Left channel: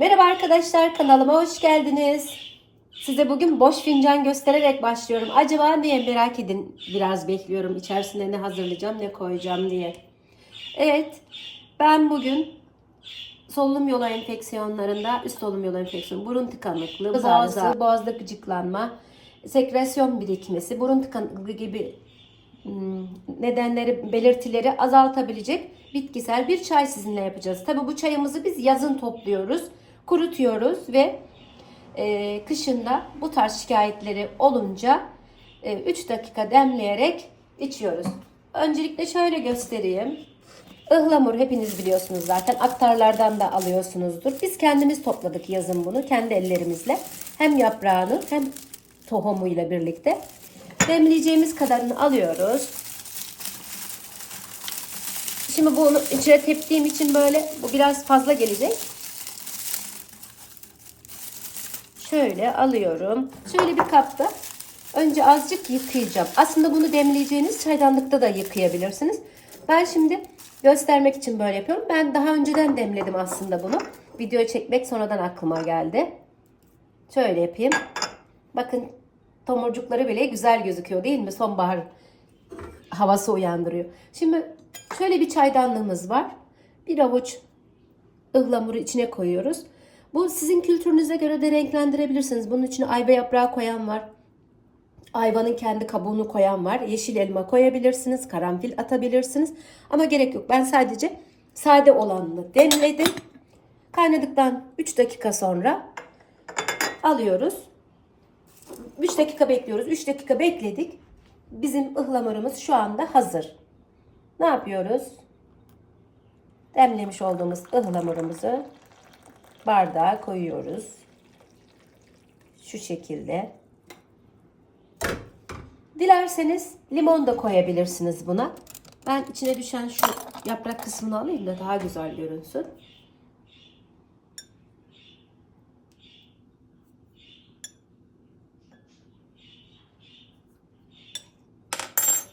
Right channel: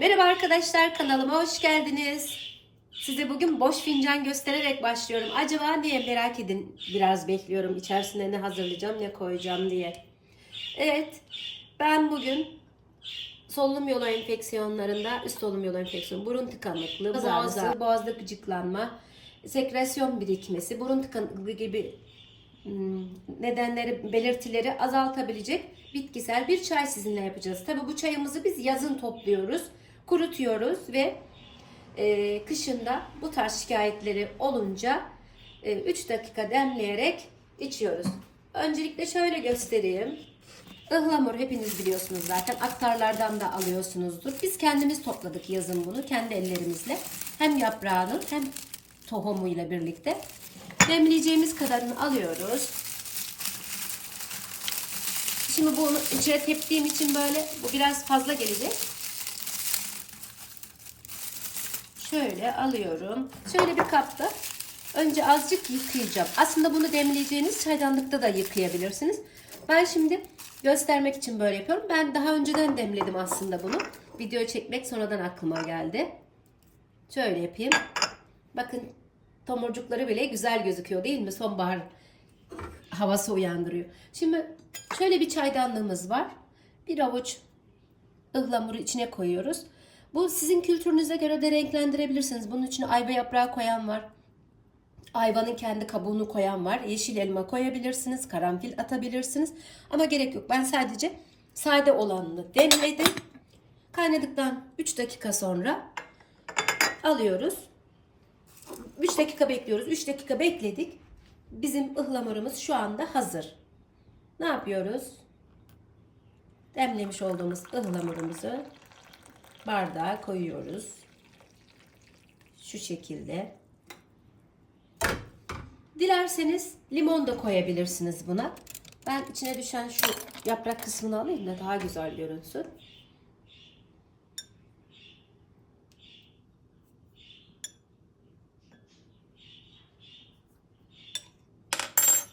Merhaba arkadaşlar kanalıma hoş geldiniz. Size bugün boş fincan göstererek başlıyorum. Acaba niye merak edin biraz bekliyorum içerisine ne hazırlayacağım ne koyacağım diye. Evet ben bugün solunum yolu enfeksiyonlarında üst solunum yolu enfeksiyonu, burun tıkanıklığı, boğaz ağrısı, boğazda gıcıklanma, sekresyon birikmesi, burun tıkanıklığı gibi hmm, nedenleri, belirtileri azaltabilecek bitkisel bir çay sizinle yapacağız. Tabii bu çayımızı biz yazın topluyoruz, kurutuyoruz ve e, kışında bu tarz şikayetleri olunca 3 dakika demleyerek içiyoruz. Öncelikle şöyle göstereyim. Ihlamur hepiniz biliyorsunuz zaten. Aktarlardan da alıyorsunuzdur. Biz kendimiz topladık yazın bunu kendi ellerimizle. Hem yaprağını hem tohumuyla birlikte. Demleyeceğimiz kadarını alıyoruz. Şimdi bunu içine teptiğim için böyle bu biraz fazla gelecek. Şöyle alıyorum. Şöyle bir kapta önce azıcık yıkayacağım. Aslında bunu demleyeceğiniz çaydanlıkta da yıkayabilirsiniz. Ben şimdi göstermek için böyle yapıyorum. Ben daha önceden demledim aslında bunu. Video çekmek sonradan aklıma geldi. Şöyle yapayım. Bakın tomurcukları bile güzel gözüküyor değil mi? Sonbahar havası uyandırıyor. Şimdi şöyle bir çaydanlığımız var. Bir avuç ıhlamuru içine koyuyoruz. Bu sizin kültürünüze göre de renklendirebilirsiniz. Bunun içine ayva yaprağı koyan var. Ayvanın kendi kabuğunu koyan var. Yeşil elma koyabilirsiniz. Karanfil atabilirsiniz. Ama gerek yok. Ben sadece sade olanını demledim. Kaynadıktan 3 dakika sonra alıyoruz. 3 dakika bekliyoruz. 3 dakika bekledik. Bizim ıhlamurumuz şu anda hazır. Ne yapıyoruz? Demlemiş olduğumuz ıhlamurumuzu bardağa koyuyoruz. Şu şekilde. Dilerseniz limon da koyabilirsiniz buna. Ben içine düşen şu yaprak kısmını alayım da daha güzel görünsün.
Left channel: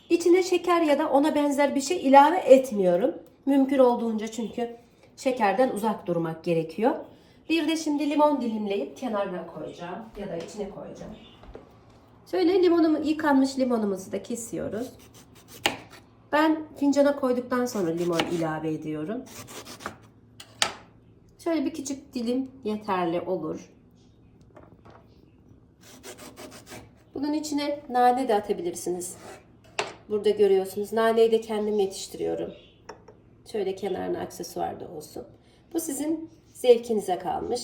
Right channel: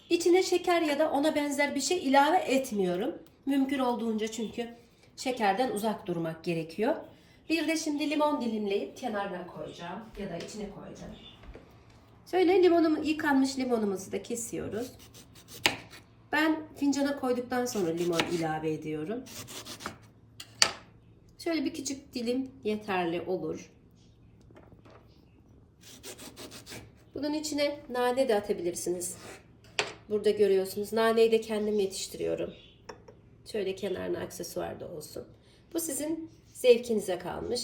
İçine şeker ya da ona benzer bir şey ilave etmiyorum. Mümkün olduğunca çünkü şekerden uzak durmak gerekiyor. Bir de şimdi limon dilimleyip kenarına koyacağım ya da içine koyacağım. Şöyle limonumu yıkanmış limonumuzu da kesiyoruz. Ben fincana koyduktan sonra limon ilave ediyorum. Şöyle bir küçük dilim yeterli olur. Bunun içine nane de atabilirsiniz. Burada görüyorsunuz. Naneyi de kendim yetiştiriyorum. Şöyle kenarına aksesuar da olsun. Bu sizin zevkinize kalmış.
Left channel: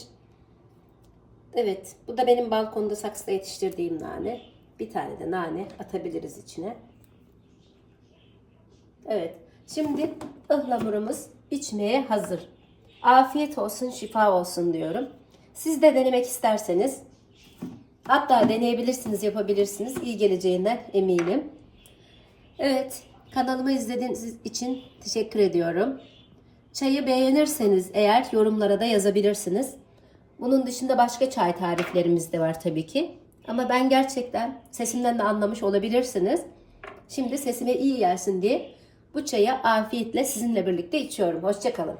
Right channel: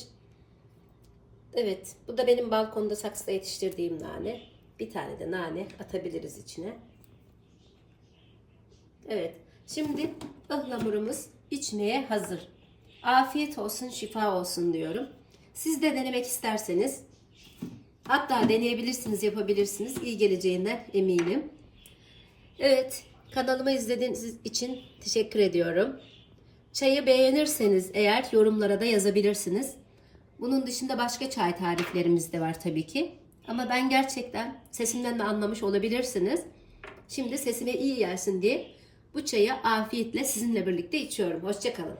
Evet, bu da benim balkonda saksıda yetiştirdiğim nane. Bir tane de nane atabiliriz içine. Evet, şimdi ıhlamurumuz içmeye hazır. Afiyet olsun, şifa olsun diyorum. Siz de denemek isterseniz, hatta deneyebilirsiniz, yapabilirsiniz. İyi geleceğinden eminim. Evet, kanalımı izlediğiniz için teşekkür ediyorum. Çayı beğenirseniz eğer yorumlara da yazabilirsiniz. Bunun dışında başka çay tariflerimiz de var tabii ki. Ama ben gerçekten sesimden de anlamış olabilirsiniz. Şimdi sesime iyi gelsin diye bu çayı afiyetle sizinle birlikte içiyorum. Hoşçakalın.